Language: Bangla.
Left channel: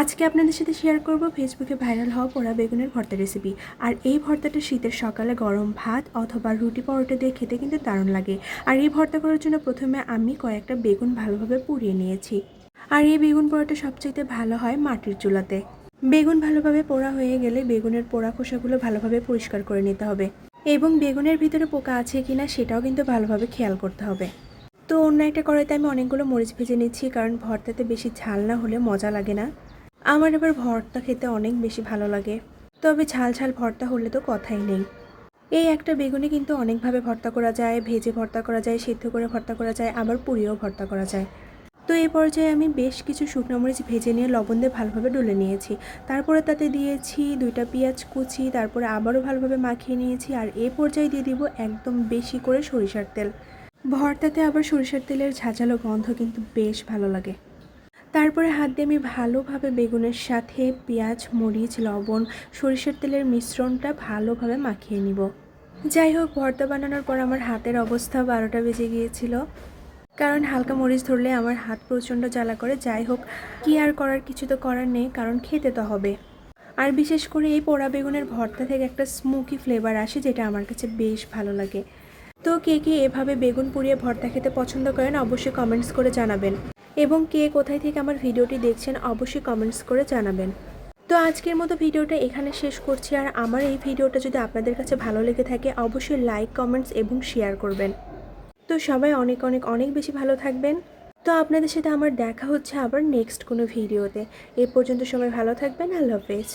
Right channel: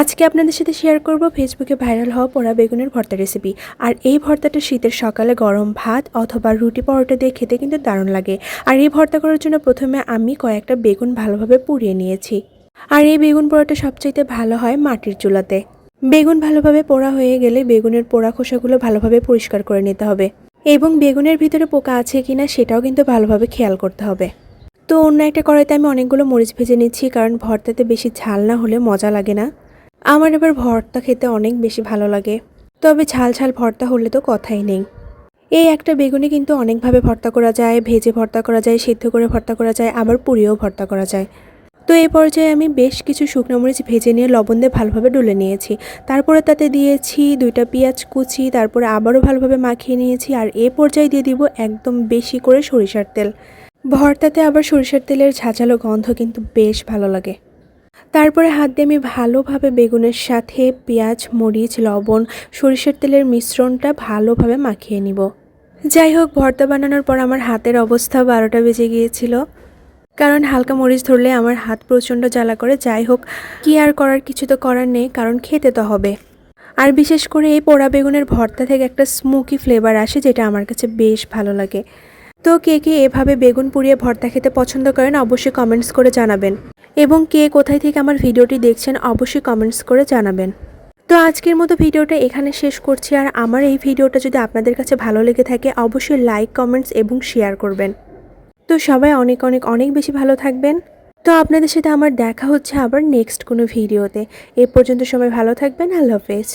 আজকে আপনাদের সাথে শেয়ার করব ফেসবুকে ভাইরাল হওয়া পোড়া বেগুনের ভর্তা রেসিপি আর এই ভর্তাটা শীতের সকালে গরম ভাত অথবা রুটি পরোটা দিয়ে খেতে কিন্তু দারুণ লাগে। আর এই ভর্তা করার জন্য প্রথমে আমি কয়েকটা বেগুন ভালোভাবে পুড়িয়ে নিয়েছি। আর এই বেগুন পোড়াটা সবচাইতে ভালো হয় মাটির চুলাতে। বেগুন ভালোভাবে পোড়া হয়ে গেলে বেগুনের পোড়া খোসাগুলো ভালোভাবে পরিষ্কার করে নিতে হবে। এবং বেগুনের ভিতরে পোকা আছে কিনা সেটাও কিন্তু ভালোভাবে খেয়াল করতে হবে। তো অন্য একটা কড়াইতে আমি অনেকগুলো মরিচ ভেজে নিচ্ছি, কারণ ভর্তাতে বেশি ঝাল না হলে মজা লাগে না। আমার এবার ভর্তা খেতে অনেক বেশি ভালো লাগে। তবে ঝাল ঝাল ভর্তা হলে তো কথাই নেই। এই একটা বেগুনে কিন্তু অনেকভাবে ভর্তা করা যায়, ভেজে ভর্তা করা যায়, সিদ্ধ করে ভর্তা করা যায়, আবার পুড়িয়েও ভর্তা করা যায়। তো এই পর্যায়ে আমি বেশ কিছু শুকনো মরিচ ভেজে নিয়ে লবণ দিয়ে ভালোভাবে ডলে নিয়েছি। তারপরে তাতে দিয়েছি দুইটা পেঁয়াজ কুচি, তারপরে আবারও ভালোভাবে মাখিয়ে নিয়েছি আর এ পর্যায়ে দিয়ে দিব একদম বেশি করে সরিষার তেল। ভর্তাতে আবার সরিষার তেলের ঝাঁঝালো গন্ধ কিন্তু বেশ ভালো লাগে। তারপরে হাত দিয়ে আমি ভালোভাবে বেগুনের সাথে পেঁয়াজ, মরিচ, লবণ, সরিষার তেলের মিশ্রণটা ভালোভাবে মাখিয়ে নিব। যাই হোক, ভর্তা বানানোর পর আমার হাতের অবস্থা বারোটা বেজে গিয়েছিল। কারণ হালকা মরিচ ধরলে আমার হাত প্রচণ্ড জ্বালা করে। যাই হোক, কি আর করার কিছু তো করার নেই, কারণ খেতে তো হবে। আর বিশেষ করে এই পোড়া বেগুনের ভর্তা থেকে একটা স্মোকি ফ্লেভার আসে, যেটা আমার কাছে বেশ ভালো লাগে। তো কে কে এভাবে বেগুন পুড়িয়ে ভর্তা খেতে পছন্দ করেন, অবশ্যই কমেন্টস করে জানাবেন। এবং কে কোথায় থেকে আমার ভিডিওটি দেখছেন অবশ্যই কমেন্টস করে জানাবেন। তো আজকের মতো ভিডিওটা এখানে শেষ করছি। আর আমার এই ভিডিওটা যদি আপনাদের কাছে ভালো লেগে থাকে, অবশ্যই লাইক কমেন্টস এবং শেয়ার করবেন। তো সবাই অনেক অনেক অনেক বেশি ভালো থাকবেন। তো আপনাদের সাথে আমার দেখা হচ্ছে আবার নেক্সট কোনো ভিডিওতে। এ পর্যন্ত সবাই ভালো থাকবেন। আল্লাহ হাফেজ।